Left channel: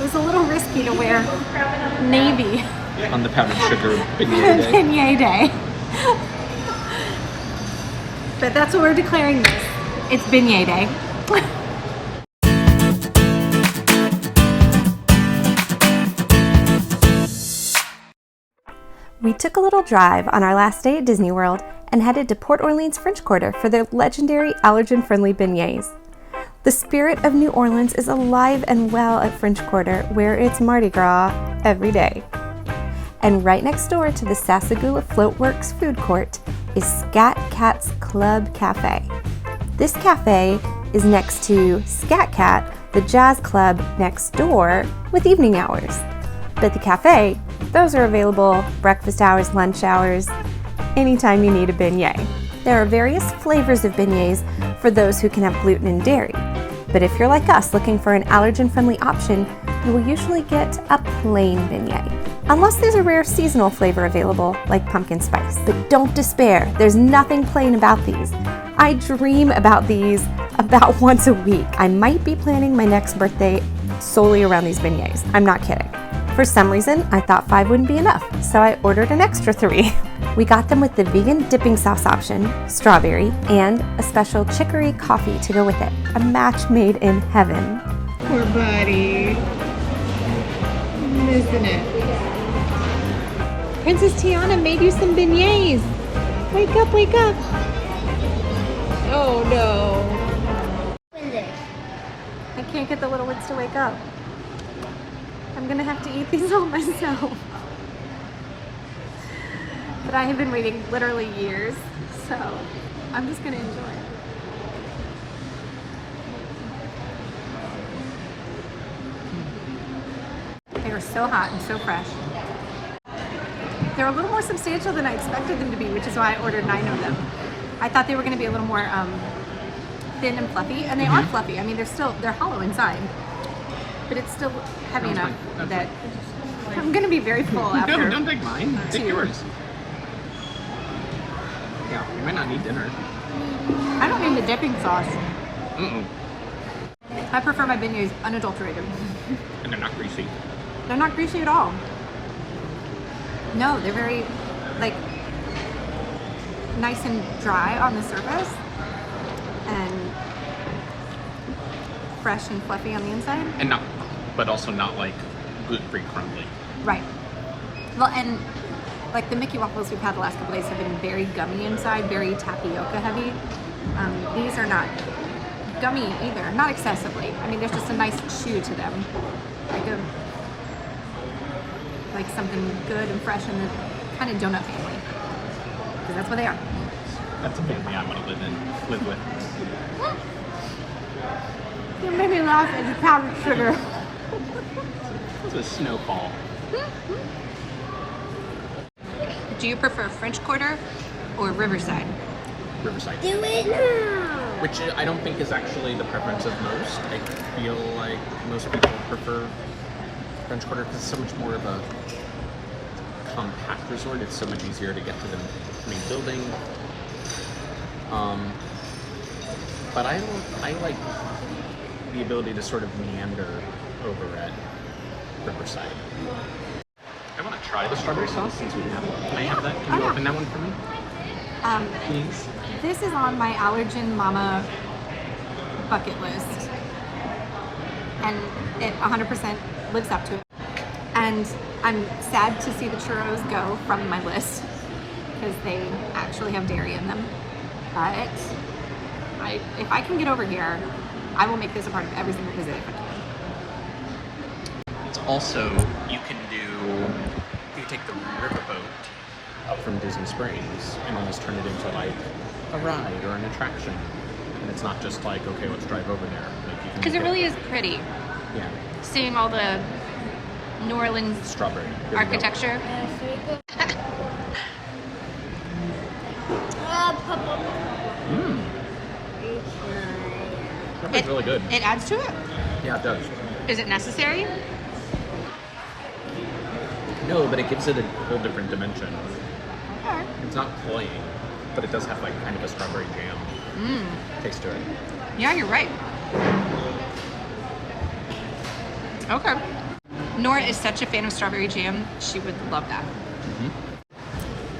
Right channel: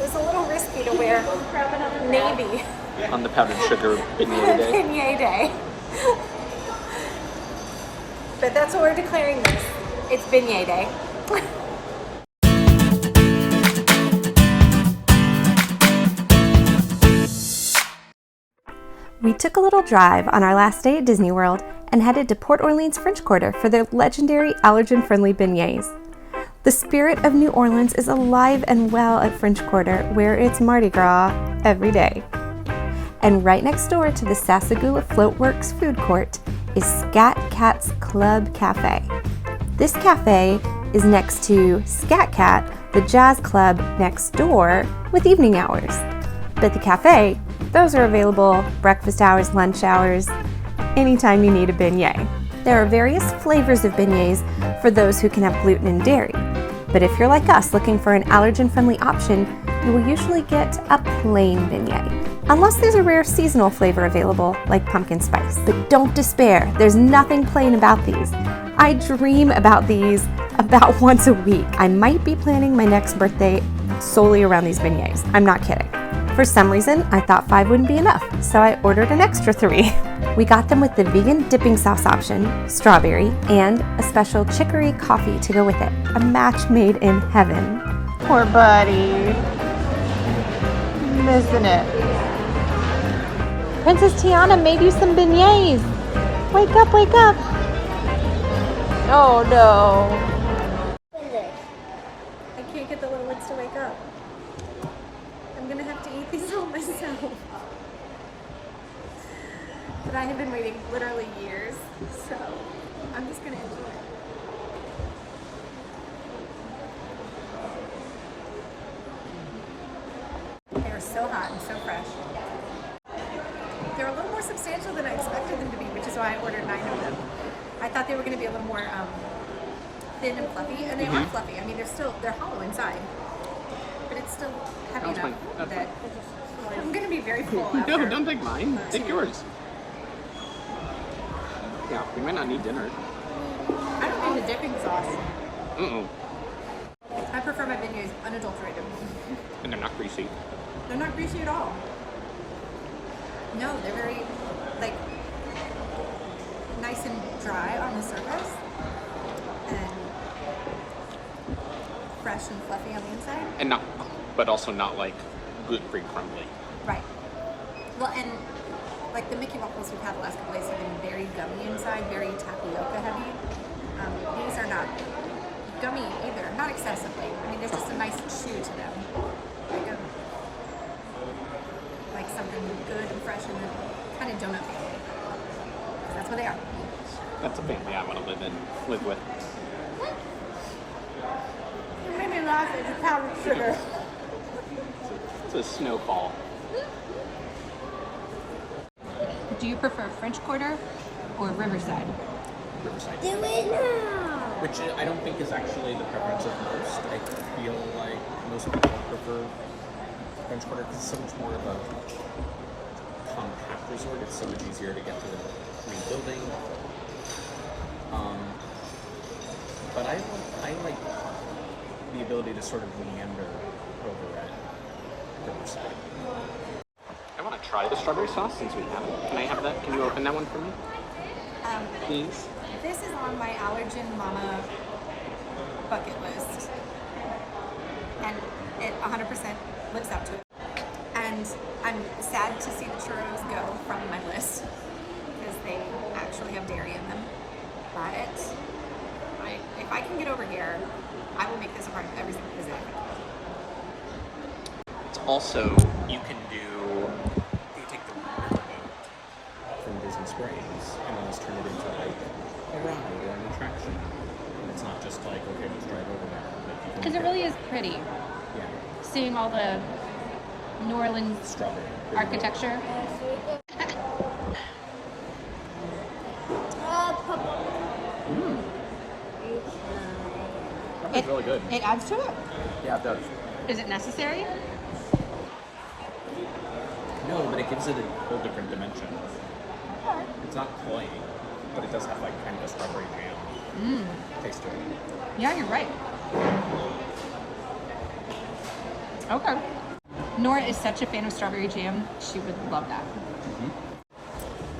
It was a little risky to wear navy On the powdered sugar beignet day. beignet day. But that's what we're declaring this. It's beignet day. We took a little drive on our last day at Disney World and headed to Port Orleans French Quarter for their legendary allergen-friendly beignets. The spirit of New Orleans is alive and well at French Quarter, where it's Mardi Gras every day. And right next door to the Sassagoula Floatworks food court is Scat Cat's Club Cafe. This cafe is next to Scat Cat, the jazz club next door, with evening hours. But the cafe, those are available breakfast hours, lunch hours, anytime you need a beignet. There are various flavors of beignets for those who can have gluten and dairy. But if you're like us looking for an allergen-friendly option, you will usually get a plain beignet. Unless there's a rare seasonal flavor available, like pumpkin spice. But don't despair, there's nothing plain about these. I dream about these about once a week. I might be planning my next birthday solely around these beignets. I'm not kidding. For some reason, I thought 5 wouldn't be enough, so I ordered an extra 3. We got them with the vegan dipping sauce option, strawberry, and a special chicory coffee to go with it. A match made in heaven. Poor buddy. Missing it. Princess Tiana made you some beignets. Wake up, wake up. Oh no. I can't get the little ones to wake up. I'm gonna have to eat these all myself. But I have been waiting literally years, so I'm just gonna enjoy it. They were so hot and so fresh. They're a little more substantial than I expected them to be, which is why I ordered 9 of them. I thought they were gonna be a little more thin and fluffy, and they are fluffy. I mean, they're hollow inside, but it's still heavy enough that I'm gonna be very full after. Don't take mine. Take yours. Yeah, we might not need dinner. I don't need the dipping sauce. I prefer my beignets unadulterated. And they're not greasy. They're not greasy at all. No, they're very, like, nice and dry on the surface and fresh and fluffy on the inside. And not, but also not like gluten-free crumbly. Right. Well, and like the Mickey waffles we've had the last couple days have been very gummy inside, very tapioca heavy. These are not gummy either, not excessively. I mean, there's just a nice chew to them, like something good and fresh in the kind of donut family, because that's what they are. That's a family I want to live with. You made me laugh at the powdered sugar. It's a snowfall. Do you prefer French Quarter or Riverside? Riverside. Which I don't think is actually the preference of most. I feel like most people prefer French Quarter because it's so much more of a compact resort. It's so much easier to get to the main building. But I like the ability to sort of meander over at Riverside. I want to try the strawberry sauce since we know. Can I have that? Can you open that one for me? Please. This is on my allergen mama bucket list, and it 100% lives up to it. And I'm sad to see the churros go from my list because they actually have dairy in them. But if I can get over here, I will make this a part of every single visit if I can. It's also, you take the riverboat up from Disney Springs and almost turn it into like a ride or an attraction. And it's not just like, okay, let's drive over there. Because it really is pretty. Yeah. Seeing all the New Orleans Strawberry architecture. Strawberry's really good. It adds to it? Yeah, it does. Is it necessary? No, but it gives it a whole different dimension. It's not cloying, but it does have like kind of a strawberry jam taste to it. Yeah, you're right. Okay. is such a fan of strawberry jam. She would love that.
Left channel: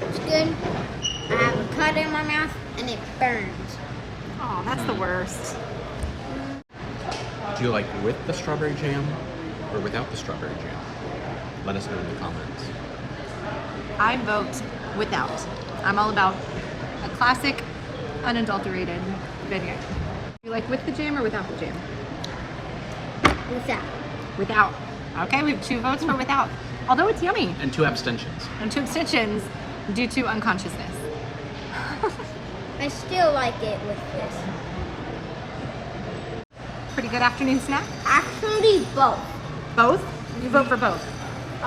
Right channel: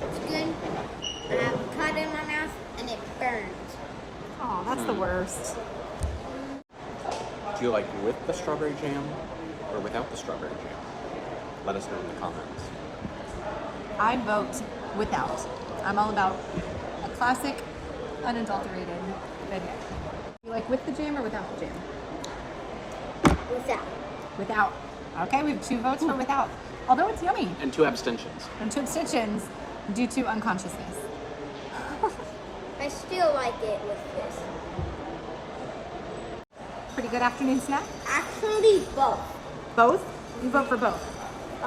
It's good. I have a cut in my mouth and it burns. Oh, that's the worst. Do you like with the strawberry jam or without the strawberry jam? Let us know in the comments. I vote without. I'm all about a classic, unadulterated beignet. You like with the jam or without the jam? Without. Without. Okay, we have 2 votes for without. Although it's yummy. And 2 abstentions. And 2 abstentions due to unconsciousness. I still like it with this. Pretty good afternoon snack? Actually, both. Both? You vote for both.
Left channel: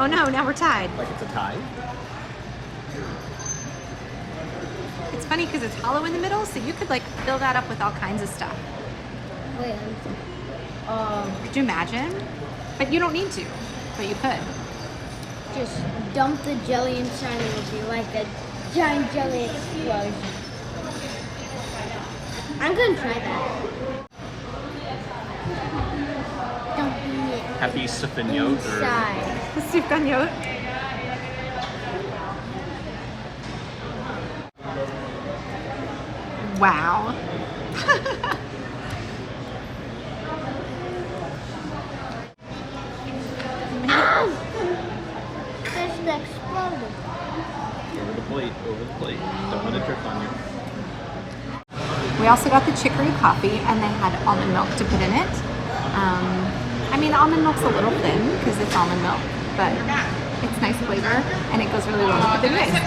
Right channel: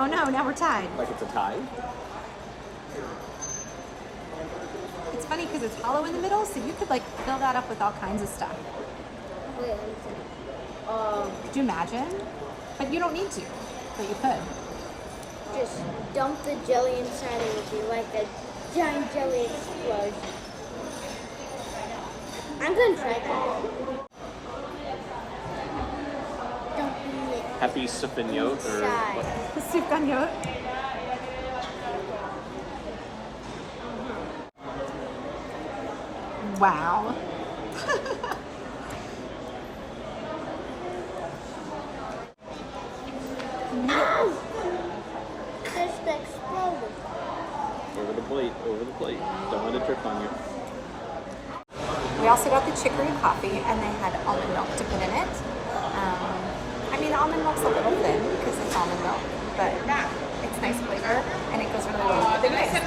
Oh no, now we're tied. It's a tie. It's funny because it's hollow in the middle, so you could like fill that up with all kinds of stuff. Wait, Could you imagine? But you don't need to. But you could. just dump the jelly inside and it would be like a giant jelly explosion. I'm gonna try that. Dump it Happy Sufganiyot. inside. Sufganiyot. Wow. Ow! Just exploded. Over the plate, over the plate. Don't let it drip on you. We also got the chicory coffee, and they had almond milk to put in it. I mean, almond milk's a little thin because it's almond milk, but it's nice flavor, and it goes really well with the beignets.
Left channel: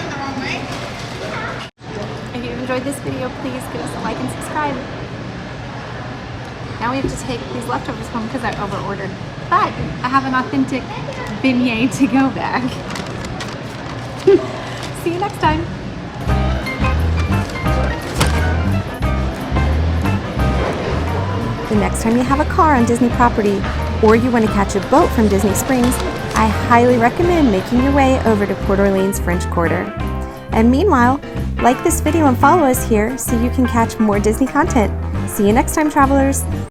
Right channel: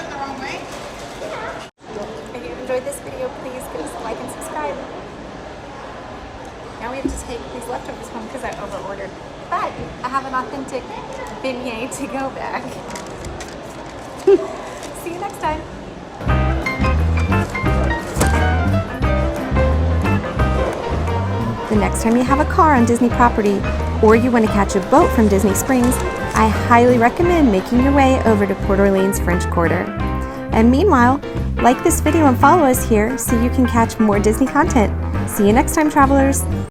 If you enjoyed this video, please give us a like and subscribe. Now we have to take these leftovers home because I over-ordered, but I have an authentic beignet to go bag. See you next time. The next time you have a car on Disney property or you want to catch a boat from Disney Springs, I highly recommend making your way over to Port Orleans French Quarter. And meanwhile, like this video and follow us here so you can catch more Disney content. See you next time, travelers!